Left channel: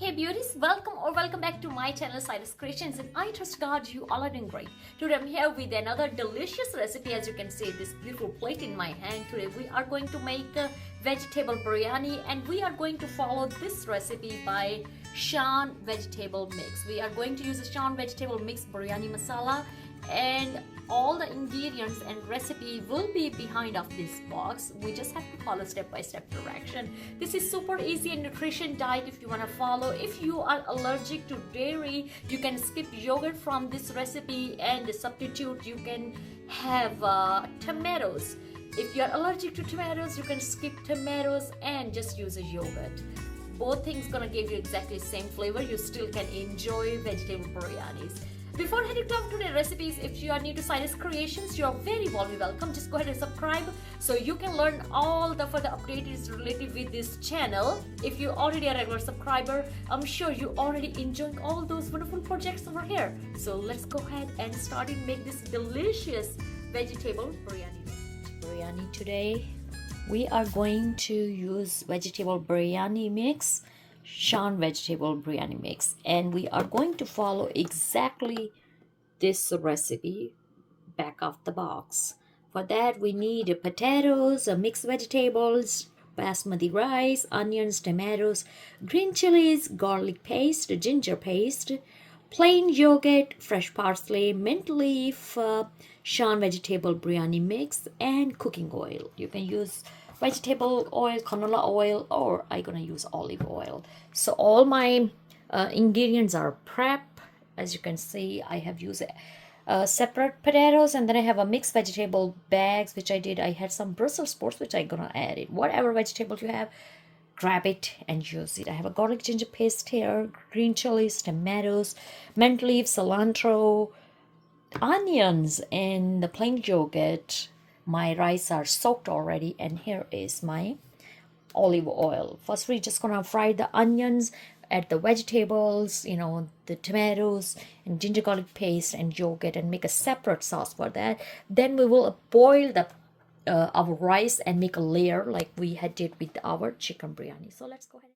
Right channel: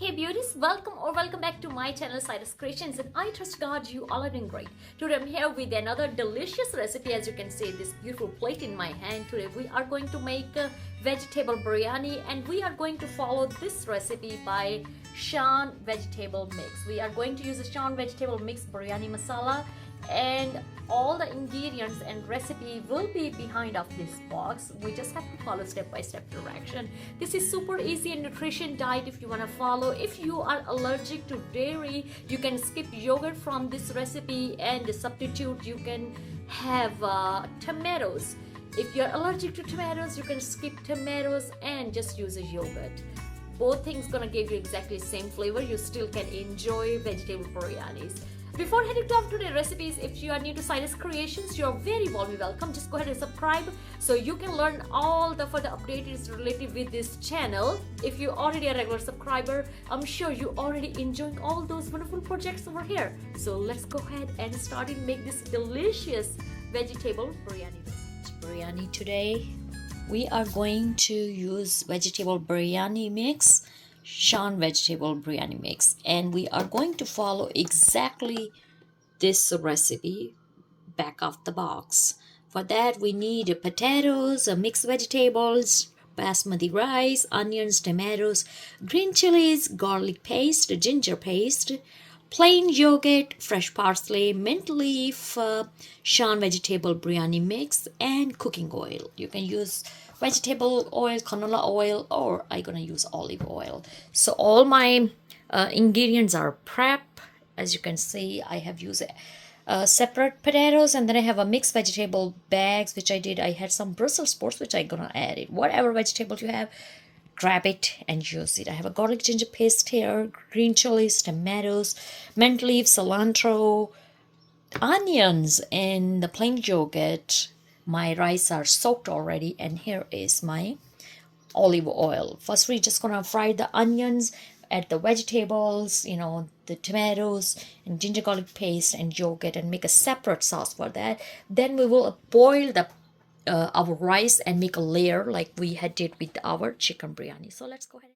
Hey beauties, welcome back to my channel Cyrus Creations, and I trust God you all are doing great. Today I'm here with another delicious recipe. As you can see this beautiful plate in my hand. Today we are going to make a vegetable biryani, and we are going to follow this recipe by Shan vegetable mix. We are going to use a Shan vegetable mix biryani masala, and all the ingredients and recipe will be behind of this box. We just have to follow step-by-step direction. This is super easy and nutrition diet if you want to follow. If you are allergic to dairy, you can skip yogurt from this recipe, and the substitute you can have tomatoes. If you're allergic to tomatoes, you can skip tomatoes and just use a yogurt. Both things gonna give you exactly the same flavor. You still can enjoy vegetable biryanis. Before heading to our today's recipes, if you are new to Cyrus Creations, you are very warmly welcome. Just go ahead and subscribe so you can learn all the further updates related with this channel. If you're already a regular subscriber, I'm sure you already enjoying all those wonderful projects over here. So let's go ahead and start and make this delicious vegetable biryani today. We are going to use vegetable biryani mix, Shan vegetable biryani mix, and we are going to follow exactly this recipe back of the box. For that we need potatoes, mixed vegetables, basmati rice, onions, tomatoes, green chilies, garlic paste, ginger paste, plain yogurt, fresh parsley, mint leaf, Shan vegetable biryani mix, and cooking oil. You can use vegetable oil, canola oil, or I'm gonna use olive oil. So all my ingredients are prep. As you can see, I have used separate potatoes, and then I have a mixed vegetable bags which I did. I had some Brussels sprouts which I'm gonna add it. Whatever vegetables you have, grab it and use it. I have a garlic ginger paste here, green chilies, tomatoes, mint leaf, cilantro, onions, and the plain yogurt. My rice are soaked already, and here is my olive oil. First we're just gonna fry the onions, add the vegetables, the tomatoes and ginger garlic paste and yogurt, and make a separate sauce for that. Then we will boil the our rice and make a layer like we had did with our chicken biryani. So let's go ahead.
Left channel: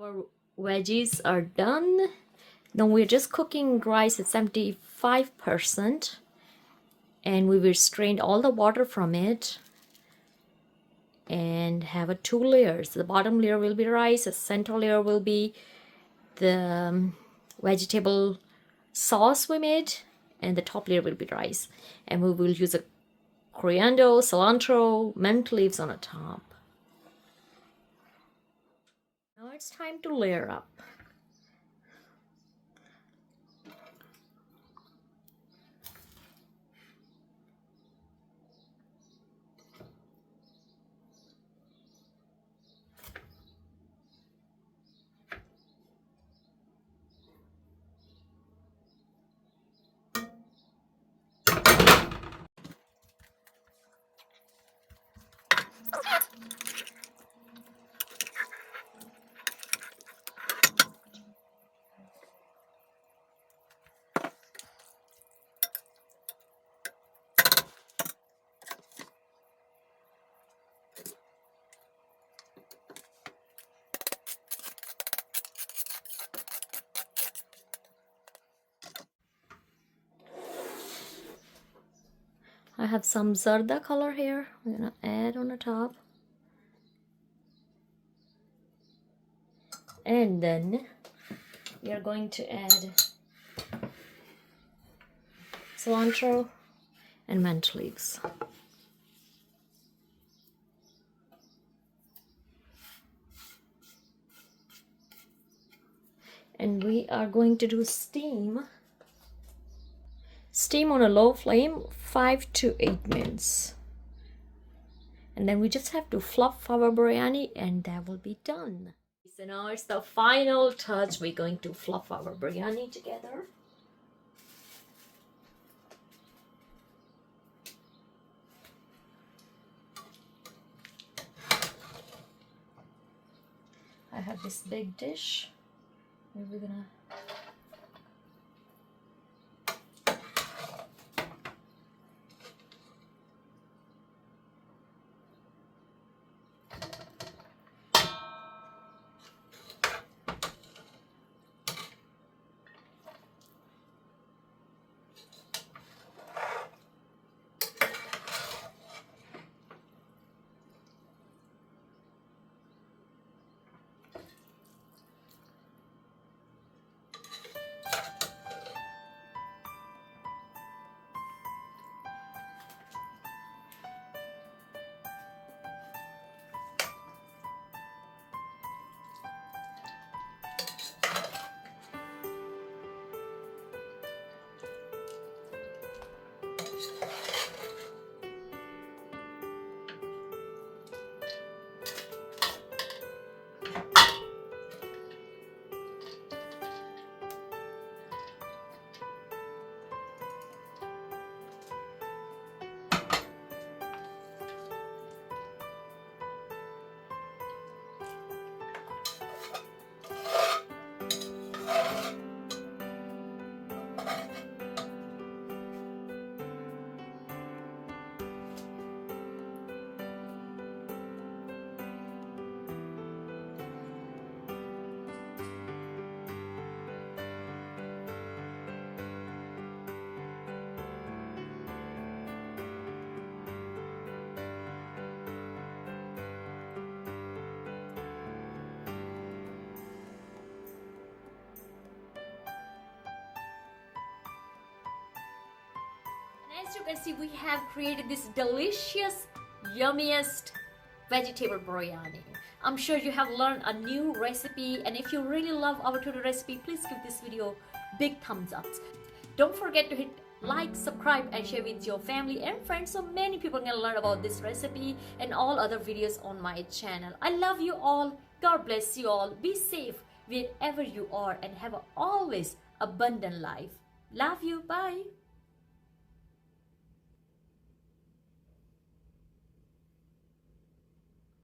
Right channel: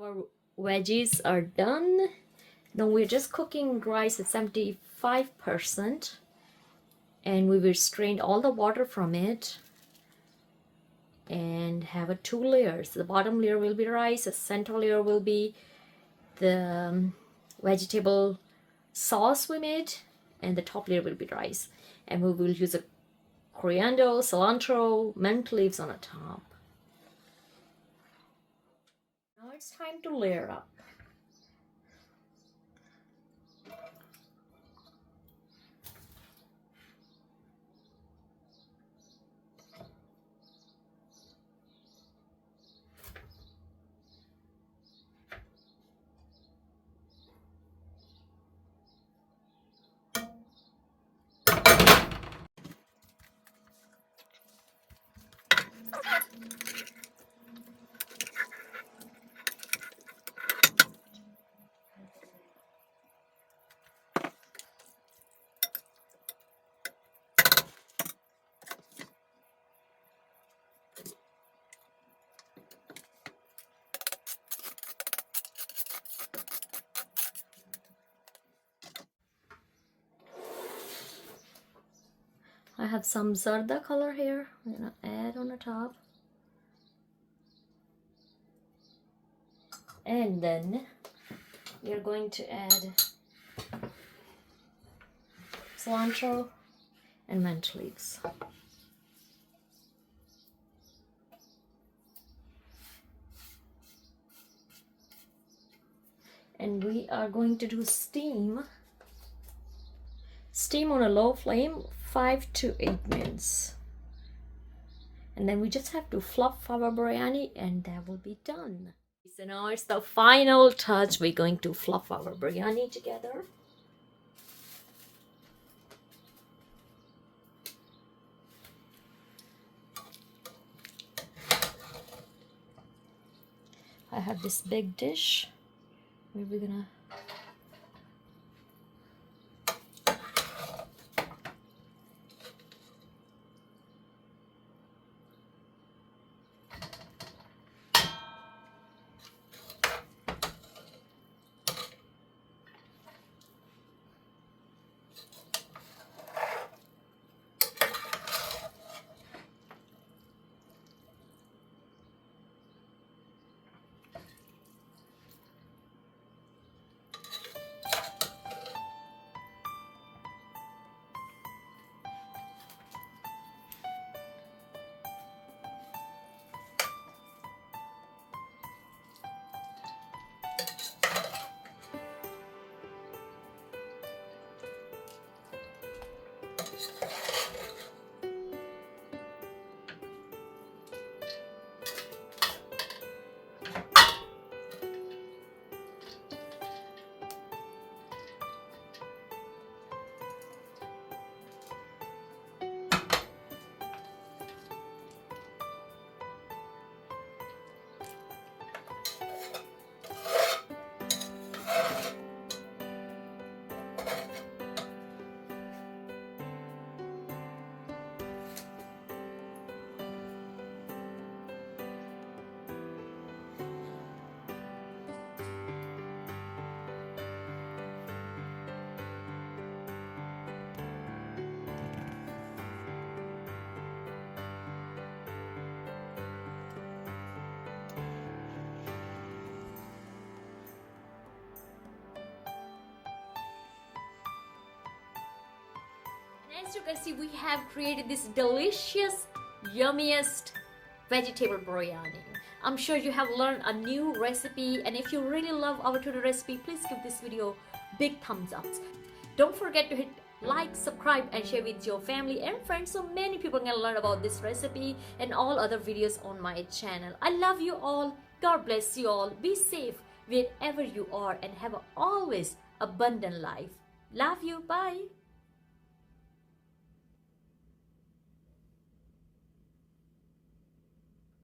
Our veggies are done. Now we're just cooking rice at 75%, and we will strain all the water from it and have a 2 layers. The bottom layer will be rice, the center layer will be the vegetable sauce we made, and the top layer will be rice. And we will use a coriander, cilantro, mint leaves on the top. Now it's time to layer up. I have some zarda color here. I'm gonna add on the top. And then we are going to add cilantro and mint leaves. And we are going to do steam on a low flame, 5 to 8 minutes. And then we just have to fluff our biryani and that will be done. So now it's the final touch. We're going to fluff our biryani together. I have this big dish where we're gonna as you can see, we have created this delicious, yummiest vegetable biryani. I'm sure you have learned a new recipe, and if you really love our tutorial recipe, please give this video big thumbs up. Don't forget to hit like, subscribe and share with your family and friends so many people can learn about this recipe and all other videos on my channel. I love you all. God bless you all. Be safe wherever you are and have an always abundant life. Love you. Bye.